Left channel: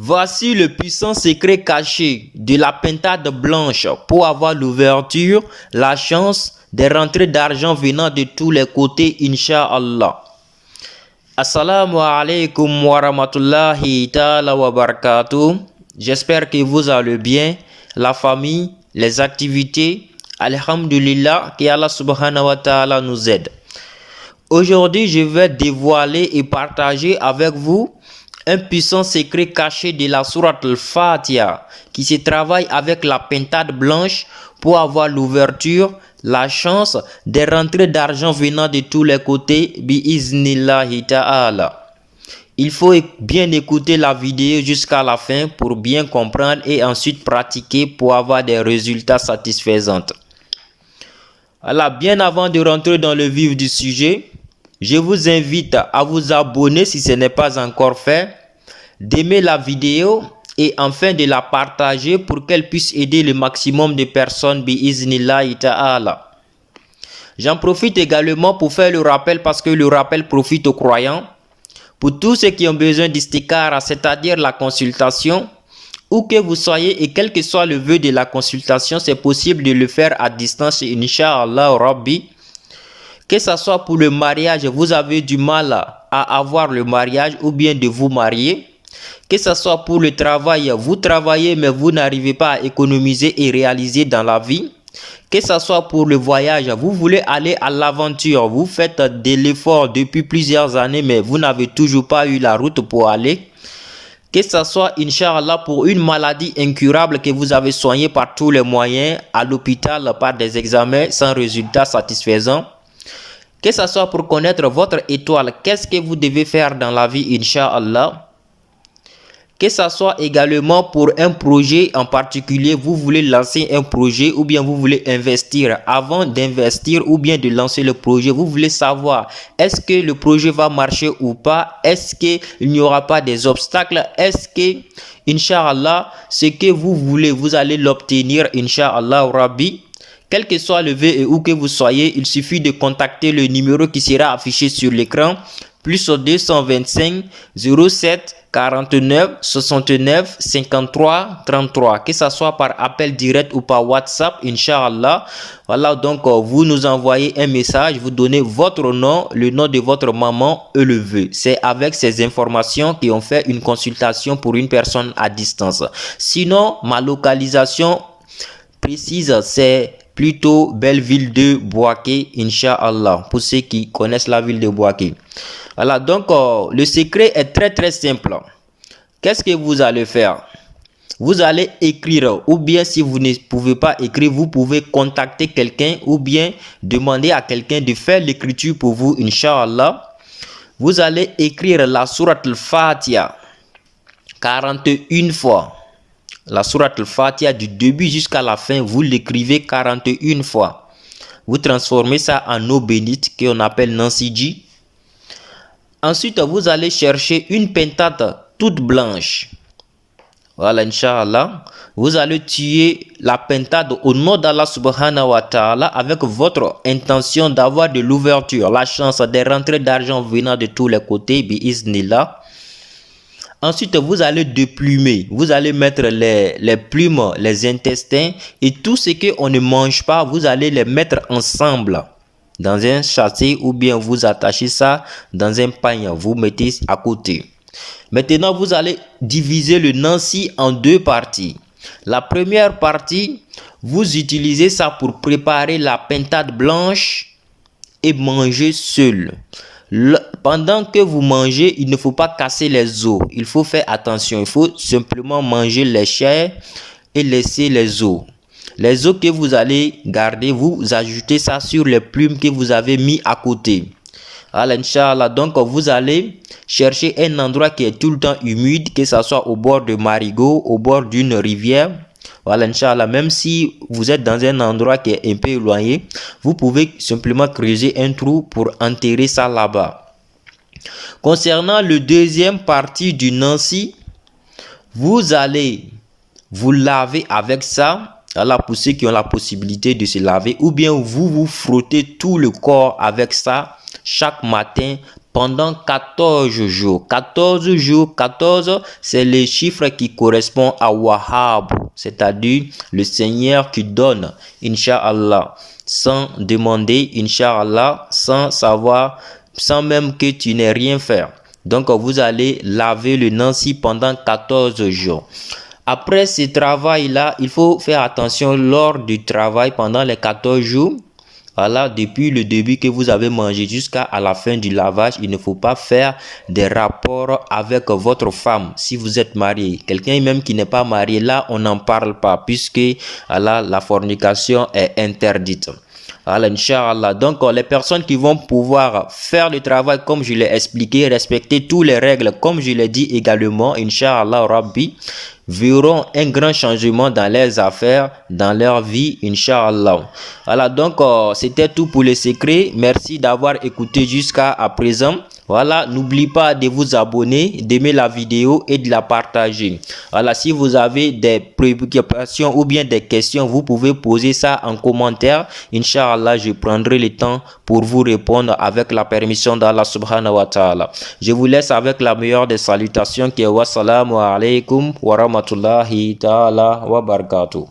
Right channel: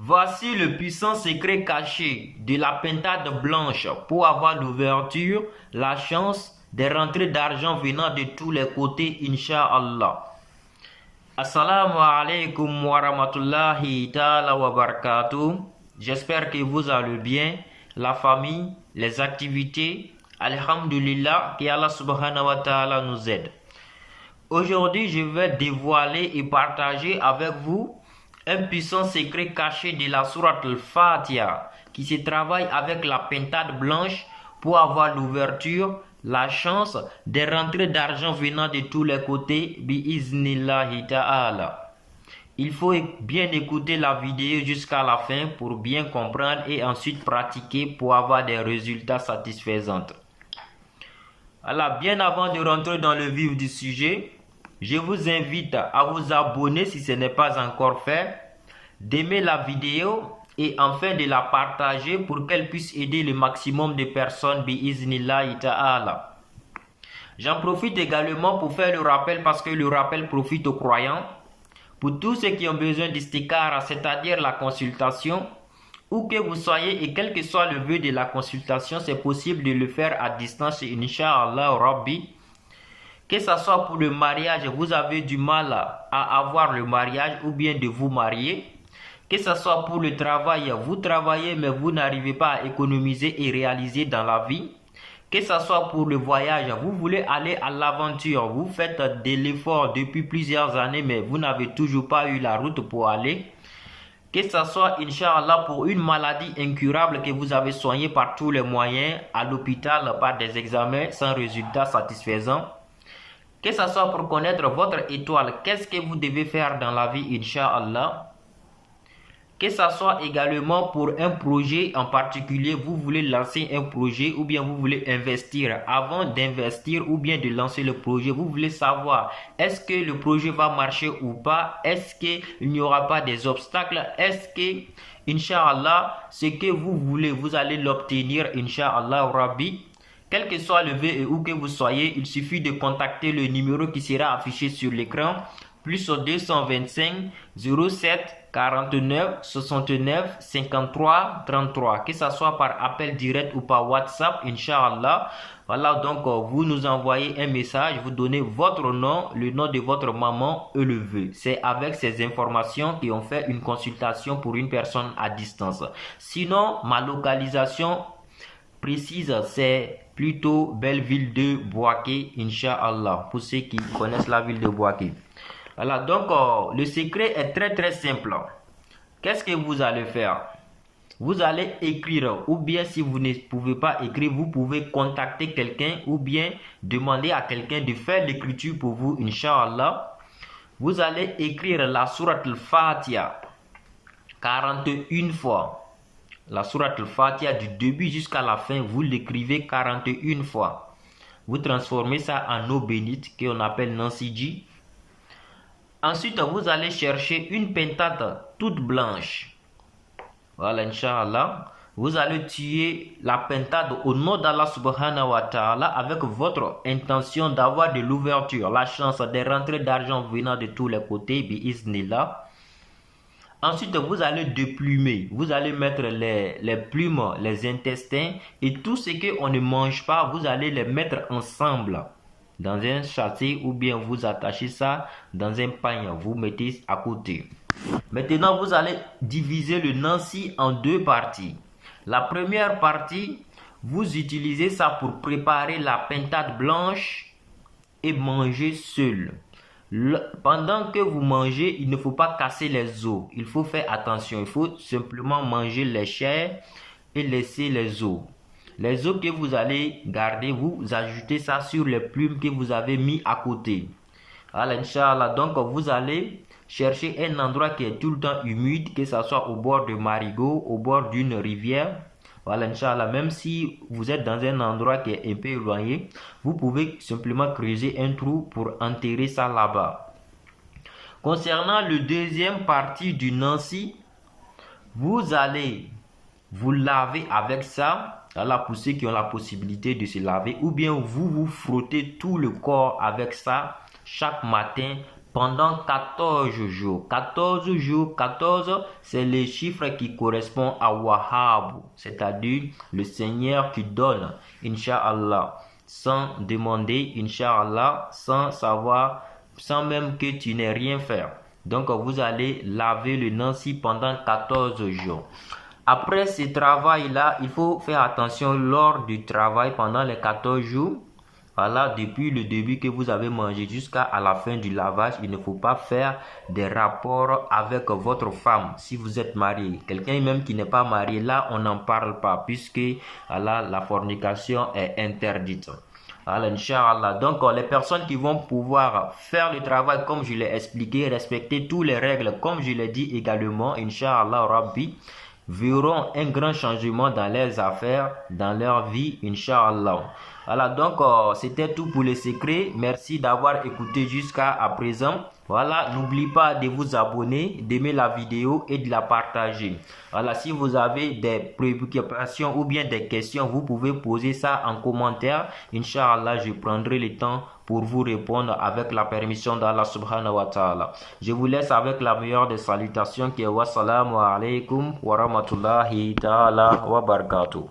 Voici le puissant secret caché de la pintade blanche pour avoir l'ouverture, la chance des rentrées d'argent venant de tous les côtés, Inch'Allah. Assalamu alaikum wa rahmatullahi ta'ala wa barakatuh. J'espère que vous allez bien, la famille, les activités. Alhamdulillah, que Allah subhanahu wa ta'ala nous aide. Aujourd'hui, je vais dévoiler et partager avec vous un puissant secret caché de la sourate al-Fatiha qui se travaille avec la pintade blanche pour avoir l'ouverture, la chance des rentrées d'argent venant de tous les côtés, bi-iznillahi ta'ala. Il faut bien écouter la vidéo jusqu'à la fin pour bien comprendre et ensuite pratiquer pour avoir des résultats satisfaisants. Alors, bien avant de rentrer dans le vif du sujet, je vous invite à vous abonner si ce n'est pas encore fait, d'aimer la vidéo et enfin de la partager pour qu'elle puisse aider le maximum de personnes bi-iznillahi ta'ala. J'en profite également pour faire le rappel parce que le rappel profite aux croyants. Pour tous ceux qui ont besoin d'istikara, c'est-à-dire la consultation, où que vous soyez et quel que soit le vœu de la consultation, c'est possible de le faire à distance, Inch'Allah Rabbi. Que ce soit pour le mariage, vous avez du mal à avoir le mariage ou bien de vous marier. Que ce soit pour le travail, vous travaillez mais vous n'arrivez pas à économiser et réaliser dans la vie. Que ce soit pour le voyage, vous voulez aller à l'aventure, vous faites de l'effort depuis plusieurs années mais vous n'avez toujours pas eu la route pour aller. Que ce soit, Inch'Allah, pour une maladie incurable que vous avez soignée par tous les moyens, à l'hôpital, par des examens sans résultat satisfaisant. Que ce soit pour connaître votre étoile, qu'est-ce que vous devez faire dans la vie, Inch'Allah. Que ce soit également pour un projet en particulier, vous voulez lancer un projet ou bien vous voulez investir. Avant d'investir ou bien de lancer le projet, vous voulez savoir est-ce que le projet va marcher ou pas? Est-ce qu'il n'y aura pas des obstacles? Est-ce que, Inch'Allah, ce que vous voulez, vous allez l'obtenir, Inch'Allah Rabbi? Quel que soit le vœu et où que vous soyez, il suffit de contacter le numéro qui sera affiché sur l'écran, plus 225 07 49 69 53 33, que ce soit par appel direct ou par WhatsApp, Inch'Allah. Voilà, donc vous nous envoyez un message, vous donnez votre nom, le nom de votre maman et le vœu. C'est avec ces informations qu'on fait une consultation pour une personne à distance. Sinon, ma localisation précise, c'est plutôt Belleville de Bouaké, Inch'Allah, pour ceux qui connaissent la ville de Bouaké. Voilà, donc le secret est très simple. Qu'est-ce que vous allez faire? Vous allez écrire, ou bien si vous ne pouvez pas écrire, vous pouvez contacter quelqu'un ou bien demander à quelqu'un de faire l'écriture pour vous, Inch'Allah. Vous allez écrire la sourate al-Fatiha 41 fois. La sourate al-Fatiha du début jusqu'à la fin, vous l'écrivez 41 fois. Vous transformez ça en eau bénite qu'on appelle Nansiji. Ensuite, vous allez chercher une pintade toute blanche. Voilà, Inch'Allah. Vous allez tuer la pintade au nom d'Allah subhanahu wa ta'ala avec votre intention d'avoir de l'ouverture, la chance des rentrées d'argent venant de tous les côtés, bi-iznillah. Ensuite, vous allez déplumer. Vous allez mettre les plumes, les intestins et tout ce qu'on ne mange pas, vous allez les mettre ensemble dans un sachet ou bien vous attachez ça dans un panier, vous mettez à côté. Maintenant, vous allez diviser le Nansi en deux parties. La première partie, vous utilisez ça pour préparer la pintade blanche et manger seul. Pendant que vous mangez, il ne faut pas casser les os. Il faut faire attention. Il faut simplement manger les chairs et laisser les os. Les os que vous allez garder, vous ajoutez ça sur les plumes que vous avez mis à côté. Alors, Inch'Allah, donc vous allez chercher un endroit qui est tout le temps humide, que ce soit au bord de marigot, au bord d'une rivière. Voilà, Inch'Allah, même si vous êtes dans un endroit qui est un peu éloigné, vous pouvez simplement creuser un trou pour enterrer ça là-bas. Concernant le deuxième partie du Nansi, vous allez vous laver avec ça. Alors, pour ceux qui ont la possibilité de se laver, ou bien vous frottez tout le corps avec ça chaque matin pendant 14 jours. 14 jours, 14, c'est le chiffre qui correspond à Wahhab, c'est-à-dire le Seigneur qui donne, Inch'Allah, sans demander, Inch'Allah, sans savoir, sans même que tu n'aies rien fait. Donc, vous allez laver le Nancy pendant 14 jours. Après ce travail-là, il faut faire attention lors du travail pendant les 14 jours. Voilà, depuis le début que vous avez mangé jusqu'à la fin du lavage, il ne faut pas faire des rapports avec votre femme si vous êtes marié. Quelqu'un même qui n'est pas marié, là, on n'en parle pas puisque voilà, la fornication est interdite. Alors, Inch'Allah. Donc, les personnes qui vont pouvoir faire le travail comme je l'ai expliqué, respecter toutes les règles comme je l'ai dit également, Inch'Allah Rabbi, verront un grand changement dans leurs affaires, dans leur vie, Inch'Allah. Voilà, donc c'était tout pour les secrets. Merci d'avoir écouté jusqu'à présent. Voilà, n'oubliez pas de vous abonner, d'aimer la vidéo et de la partager. Voilà, si vous avez des préoccupations ou bien des questions, vous pouvez poser ça en commentaire. Inch'Allah, je prendrai le temps pour vous répondre avec la permission d'Allah subhanahu wa ta'ala. Je vous laisse avec la meilleure des salutations qui est wassalamu alaikum wa rahmatullahi ta'ala wa barakatuh.